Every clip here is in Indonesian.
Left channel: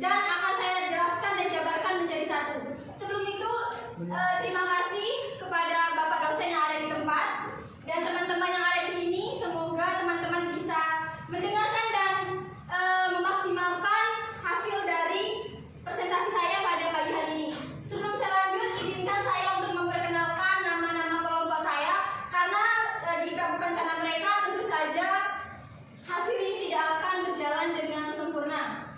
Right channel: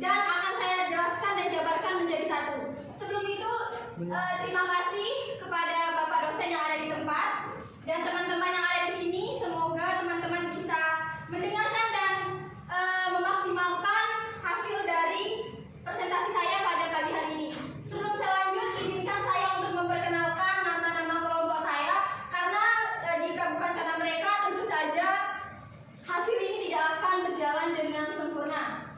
dan akan saya jelaskan dan jabarkan menjadi satu. Sebelum itu, terima kasih kepada Bapak dosen yang ada di tempat dan teman-teman yang ada di sini. Semoga teman-teman bisa mendengarkan dan memaksimalkan hasil dari presentasi saya pada pagi hari ini. Sebelum saya lanjut, izinkan saya untuk memperkenalkan nama-nama kelompok saya, karena jika bukan karena mereka, tentu saja hasil ini tidak akan berjalan dengan sempurna.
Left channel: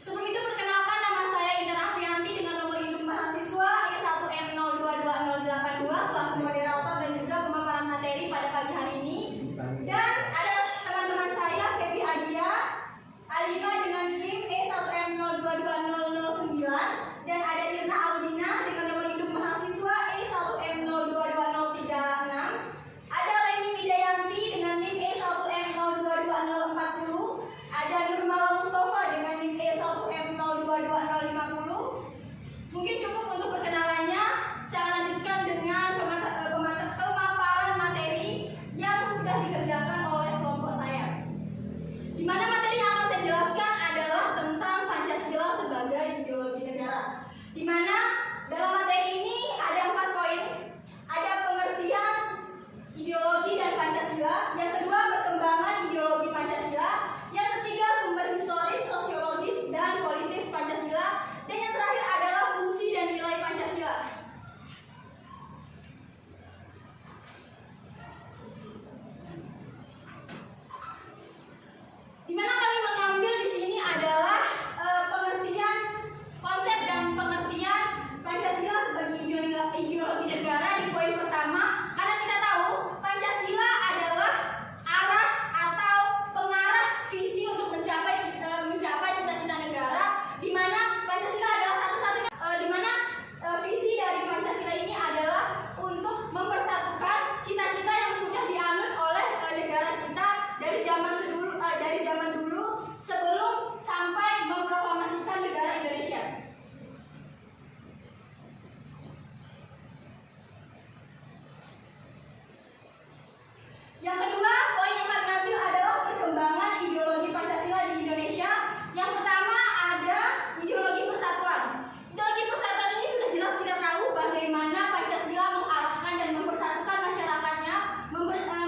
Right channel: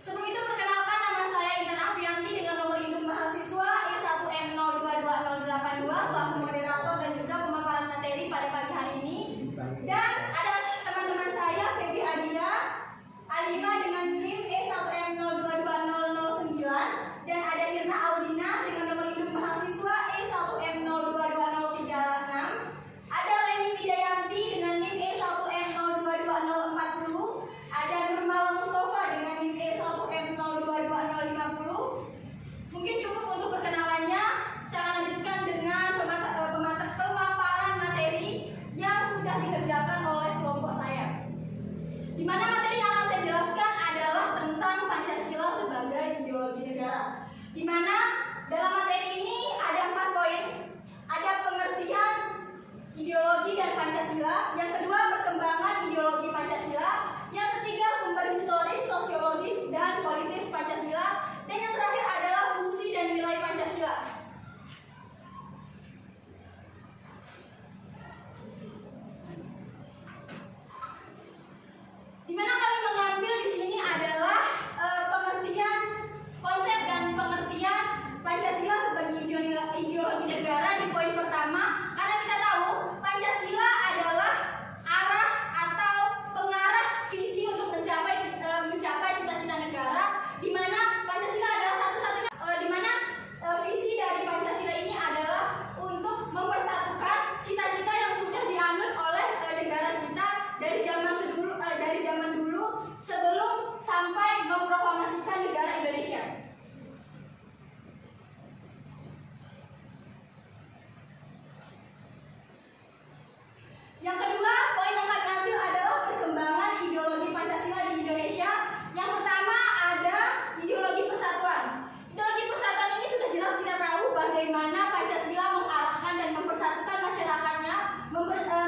Sebelum itu, perkenalkan, nama saya Intan Afianti dengan nomor induk mahasiswa I1M022082 selaku moderator dan juga pemaparan materi pada pagi hari ini. Dan ada teman-teman saya, Febri Adia Alima dengan NIM E1M022009, dan ada Irna Audina dengan nomor induk mahasiswa E1M022036. Ada Leni Widayanti dengan NIM E1M022040. Ada Nurmala Mustafa dengan NIM E1M022050. Mungkin cukup untuk perkenalannya. Saya akan lanjutkan dengan pemaparan materi yang sudah dikerjakan oleh kelompok saya. Di mana materi yang akan saya jelaskan adalah tentang Pancasila sebagai ideologi negara. Di mana dalam materi ini ada 4 poin. Ada pengertian ideologi dan Pancasila. Yang kedua, perkembangan ideologi Pancasila. Yang ketiga, sumber historis, sosiologis, dan politis Pancasila. Dan yang terakhir adalah fungsi dan nilai Pancasila. Di mana kami mengambil di sini adalah pengertian konsep dan pengertian Pancasila sebagai ideologi negara di poin pertama, karena kita tahu Pancasila adalah arah atau pengarah visi untuk mencapai cita-cita negara, di mana Pancasila adalah satu-satunya di mana visi dari Pancasila ini adalah untuk mempersatukan cita-cita yang sudah dianut oleh negara kita dari zaman dulu sebelum sampai memproklamasikan negara Indonesia. Yang kedua, poin yang kami ambil adalah perkembangan ideologi Pancasila di Indonesia. Yang pertama ada ideologi persatuan. Ideologi persatuan ini sudah jelas kita tahu bagaimana Pancasila mengarahkan dan mempersatukan masyarakatnya,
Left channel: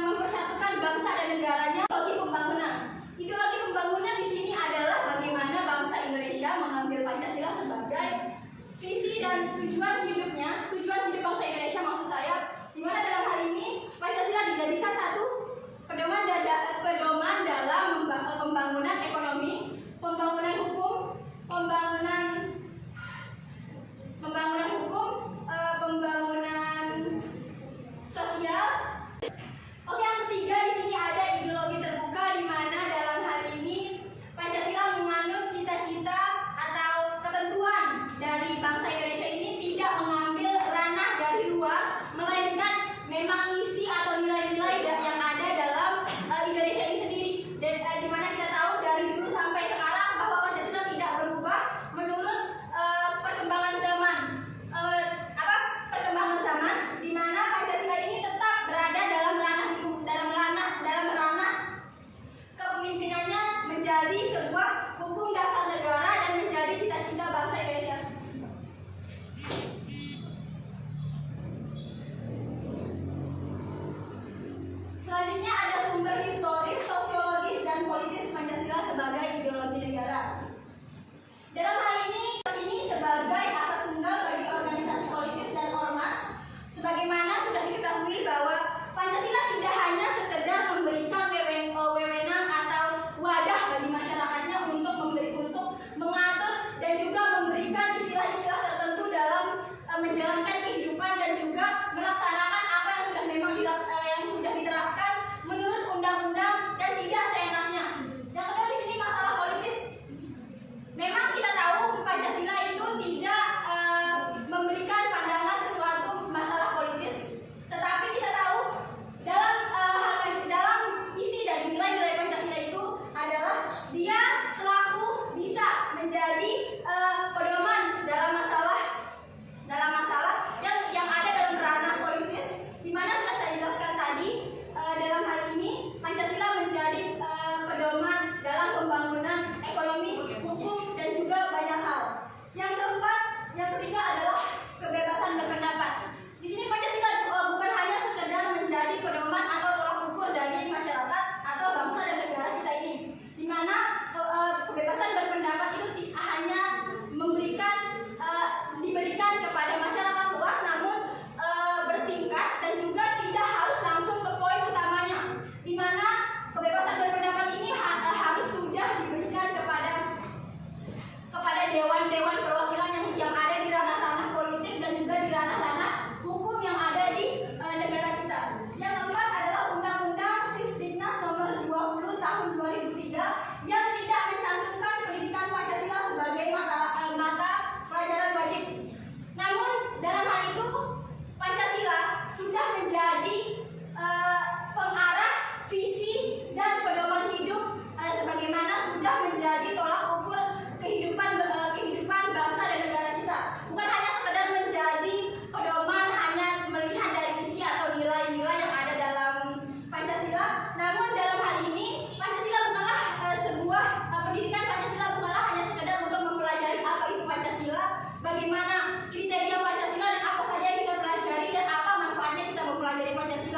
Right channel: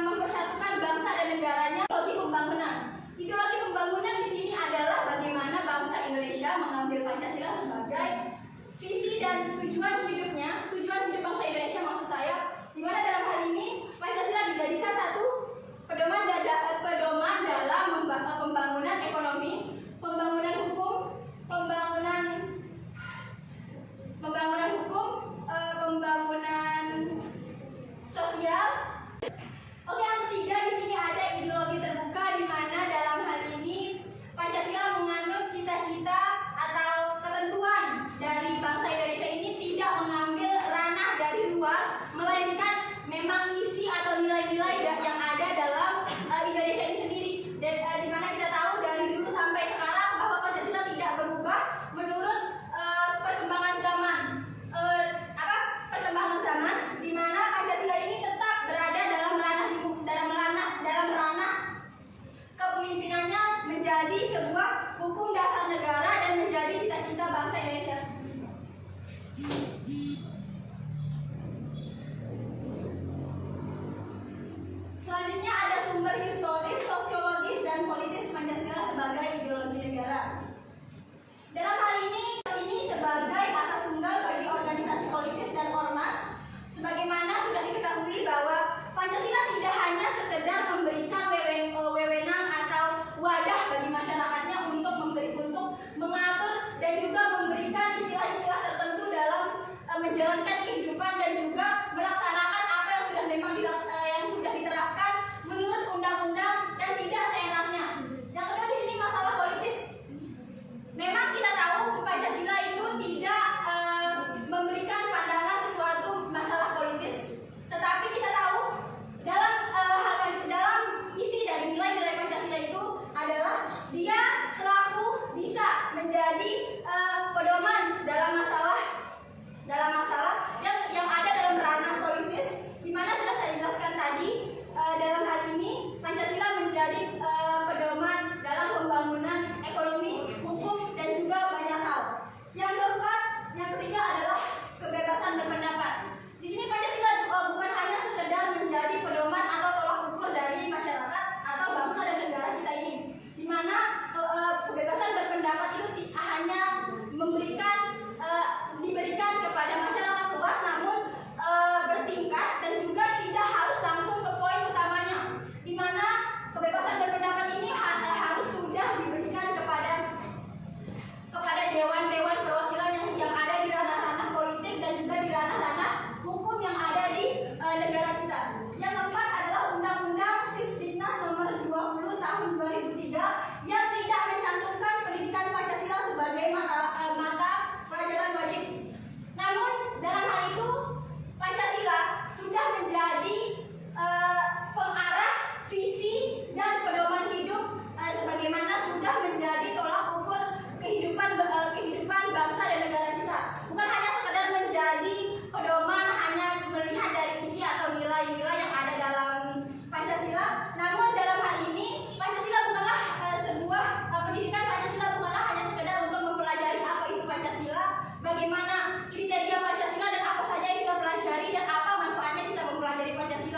mempersatukan bangsa dan negaranya. Ideologi pembangunan. Ideologi pembangunan di sini adalah bagaimana bangsa Indonesia mengambil Pancasila sebagai visi dan tujuan hidupnya, tujuan hidup bangsa Indonesia maksud saya, di mana dalam hal ini Pancasila dijadikan satu pedoman dalam pembangunan ekonomi, pembangunan hukum, pembangunan sosial. Oke, yang ketiga di sini ada ideologi terbuka, di mana dalam hal ini Pancasila menganut cita-cita atau ketentuan dari bangsa Indonesia ini tidak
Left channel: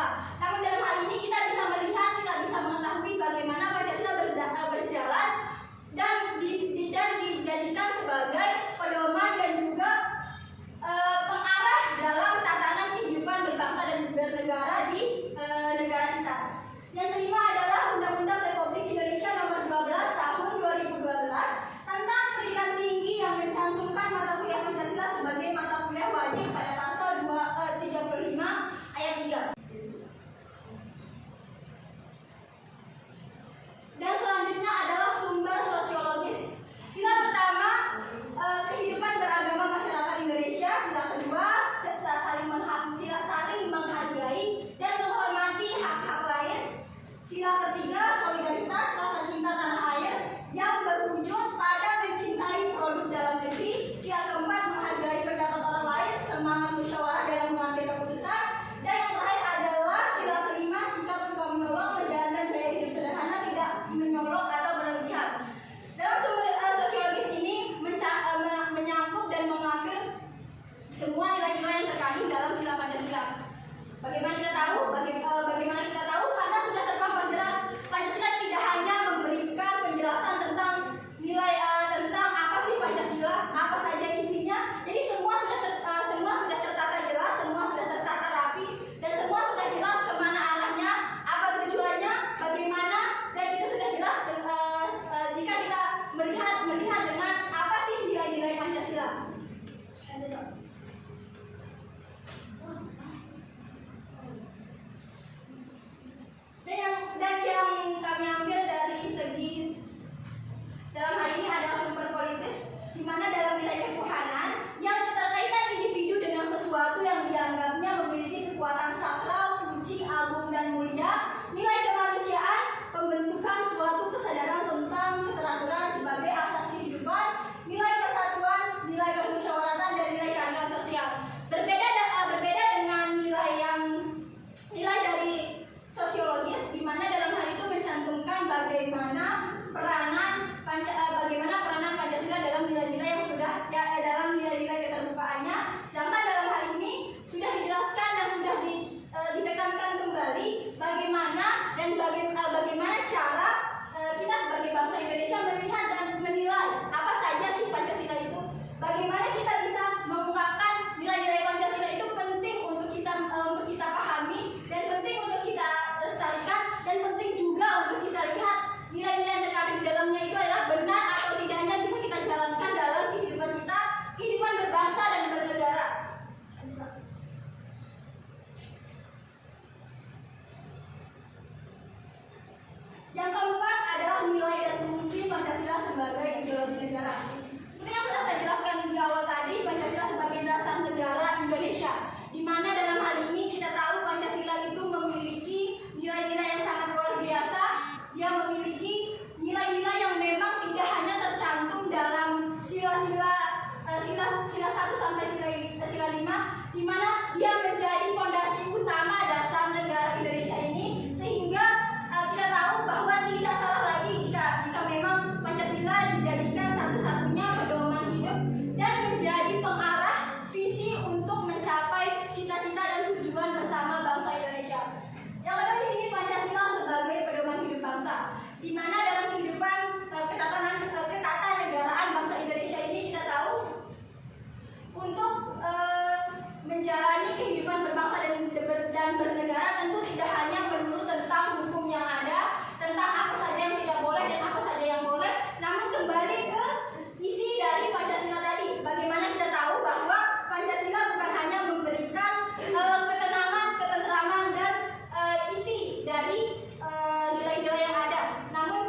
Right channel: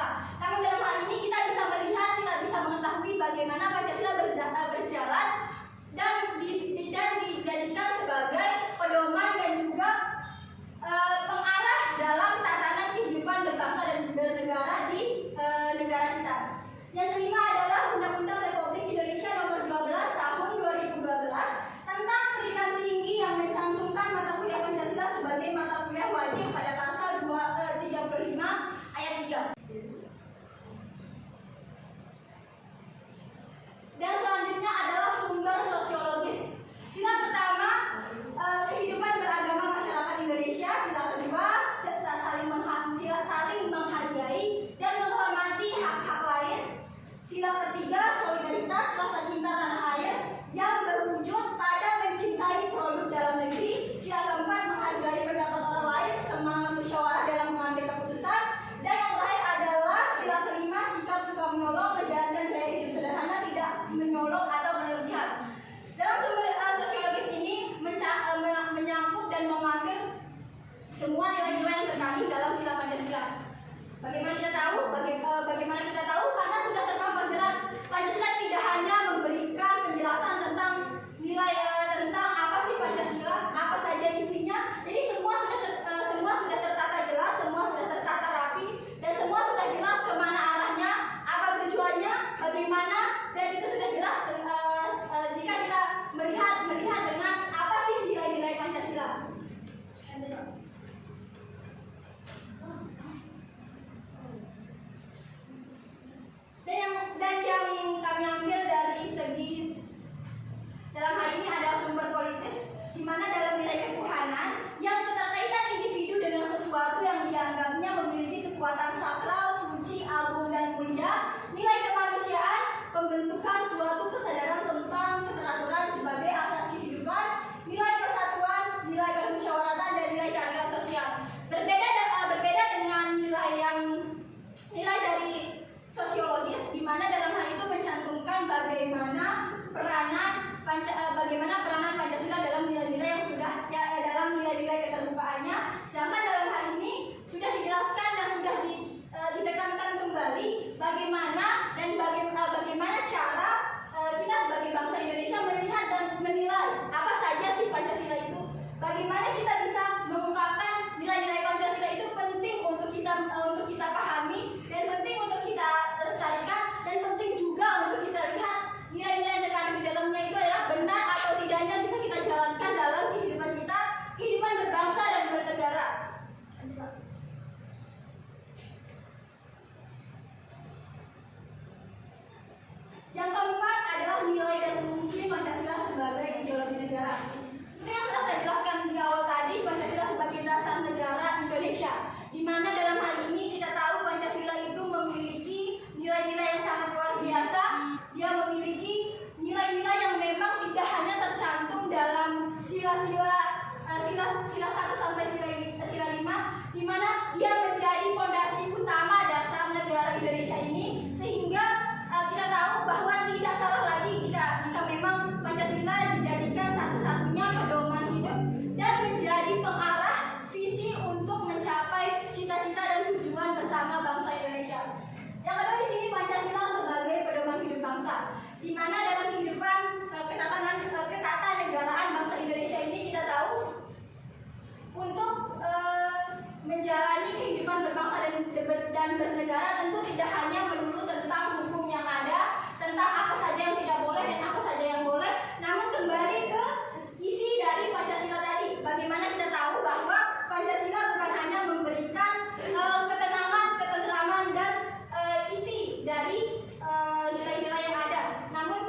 Pancasila. Namun dalam hal ini kita bisa melihat, kita bisa mengetahui bagaimana Pancasila berjalan dan dijadikan sebagai pedoman dan juga pengarah dalam tatanan kehidupan berbangsa dan bernegara di negara kita. Yang kelima adalah Undang-Undang Republik Indonesia Nomor 12 Tahun 2012 tentang pendidikan tinggi yang mencantumkan mata kuliah Pancasila sebagai mata kuliah wajib pada pasal 35 ayat 3. Dan selanjutnya adalah sumber sosiologis. Sila pertama, kehidupan beragama masyarakat Indonesia. Sila kedua, saling menghargai dan menghormati hak-hak lain. Sila ketiga, solidaritas, rasa cinta tanah air yang berwujud pada mencintai produk dalam negeri. Sila keempat, menghargai pendapat orang lain, semangat musyawarah dalam mengambil keputusan. Dan yang terakhir adalah sila kelima, sikap suka menolong, menjalankan gaya hidup sederhana, tidak menyolok atau berlebihan. Dalam sumber sosiologis ini menyangkut dan mengambil semua nilai-nilai yang terkandung dalam sila Pancasila. Bagaimana kita tahu? Bagaimana kita tahu? Karena sudah terpampang jelas. Pancasila tidak hanya memberikan penjelasan tentang nilai tentang apa sih Pancasila, apa saja isinya. Jadi semua sudah tertata jelas, semua sudah tertata rapi, dan semua sudah jelas kemana arahnya, apa tujuannya, bagaimana, dan itu sudah jelas jika kita melihat dengan apa sih nilai-nilai Pancasila. Dan yang kami ambil dari segi dalam hal ini adalah sumber politis, di mana dalam nilai ketuhanan yang keterkaitan individu dengan sesuatu yang dianggapnya memiliki kekuatan sakral, suci, agung, dan mulia, nilai kemanusiaan, pembentukan suatu kesadaran tentang keteraturan sebagai asas kehidupan, nilai persatuan, nilai permusyawaratan, dan nilai keadilan sosial. Berbeda dengan nilai dari sosiologis, di mana dalam hal itu mencantumkan bagaimana peranan Pancasila dalam nilai-nilai yang sudah dalam nilai-nilai keterbukaannya. Sedangkan dalam hal ini sudah dijelaskan dan sudah ditekankan kembali bagaimana cara kita sebagai bangsa Indonesia melihat dan menilai apa saja sih Pancasila itu. Bagaimana kita bisa mengungkapkan nilai-nilai Pancasila itu penting untuk kita pahami dan penting untuk kita lestarikan, dan penting juga untuk kita lihat nilai-nilai yang terkandung di dalamnya itu adalah benar atau tidaknya bisa kita jalankan dalam kehidupan kita, kehidupan berbangsa dan bernegara. Yang keempat adalah nilai dan fungsi Pancasila sebagai ideologi negara. Seperti yang sudah saya jelaskan di awal tadi, Pancasila sebagai dasar negara Indonesia, di mana dalam hal ini kita tahu Pancasila itu memiliki nilai-nilai yang sangat luar biasa. Dia memiliki nilai-nilai yang memang tidak hanya tercantum dalam sila 1 sampai sila 5, di mana dia menjadi fondasi utama dasar negara Indonesia ini, sehingga kita tahu bahwa tidak salah lagi jika memang Pancasila dijadikan satu-satunya pedoman hidup dan menjadi pengarah visi untuk mencapai cita-cita dan tujuan bersama bangsa Indonesia. Yang kedua di sini Pancasila sebagai pedoman hidup bangsa, di mana dalam kehidupan ketatanegaraan bangsa Indonesia ini kita tahu untuk menjalani kehidupan berbangsa dan bernegara tentu tidak hanya melulu tentang hukum yang ada, tentang apa saja yang tidak boleh dan apa saja yang boleh, namun kembali ke isi dari Pancasila tadi. Bagaimana kita tahu bahwa Pancasila bukan hanya memberikan ketenangan, ketentraman, dan isi dari nilai-nilai yang ada, namun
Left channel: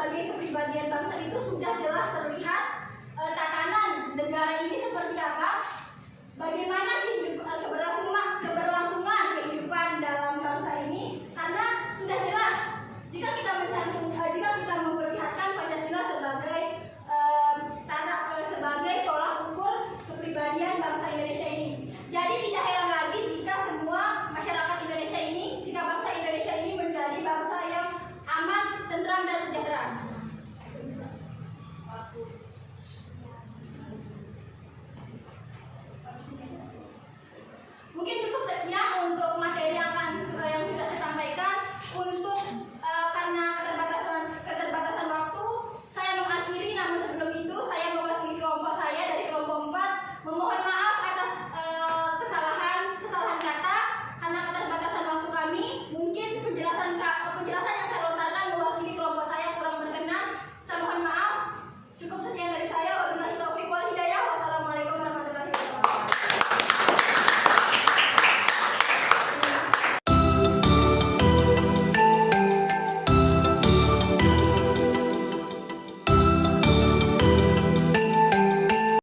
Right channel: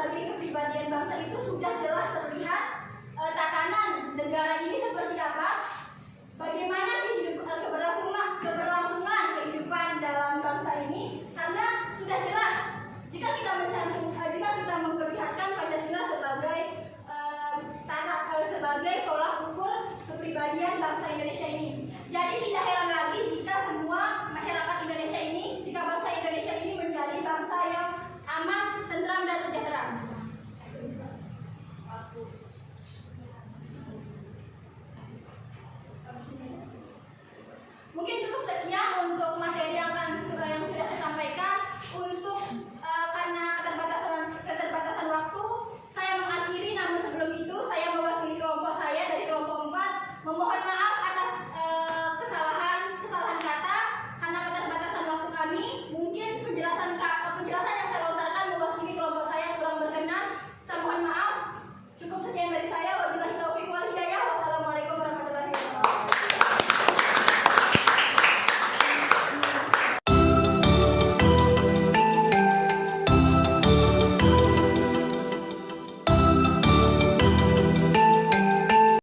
sebagai kepribadian bangsa itu sudah jelas terlihat tatanan negara ini seperti apa, bagaimana keberlangsungan kehidupan dalam bangsa ini, karena sudah jelas jika kita memperlihatkan Pancasila sebagai sebagai tolak ukur kepribadian bangsa Indonesia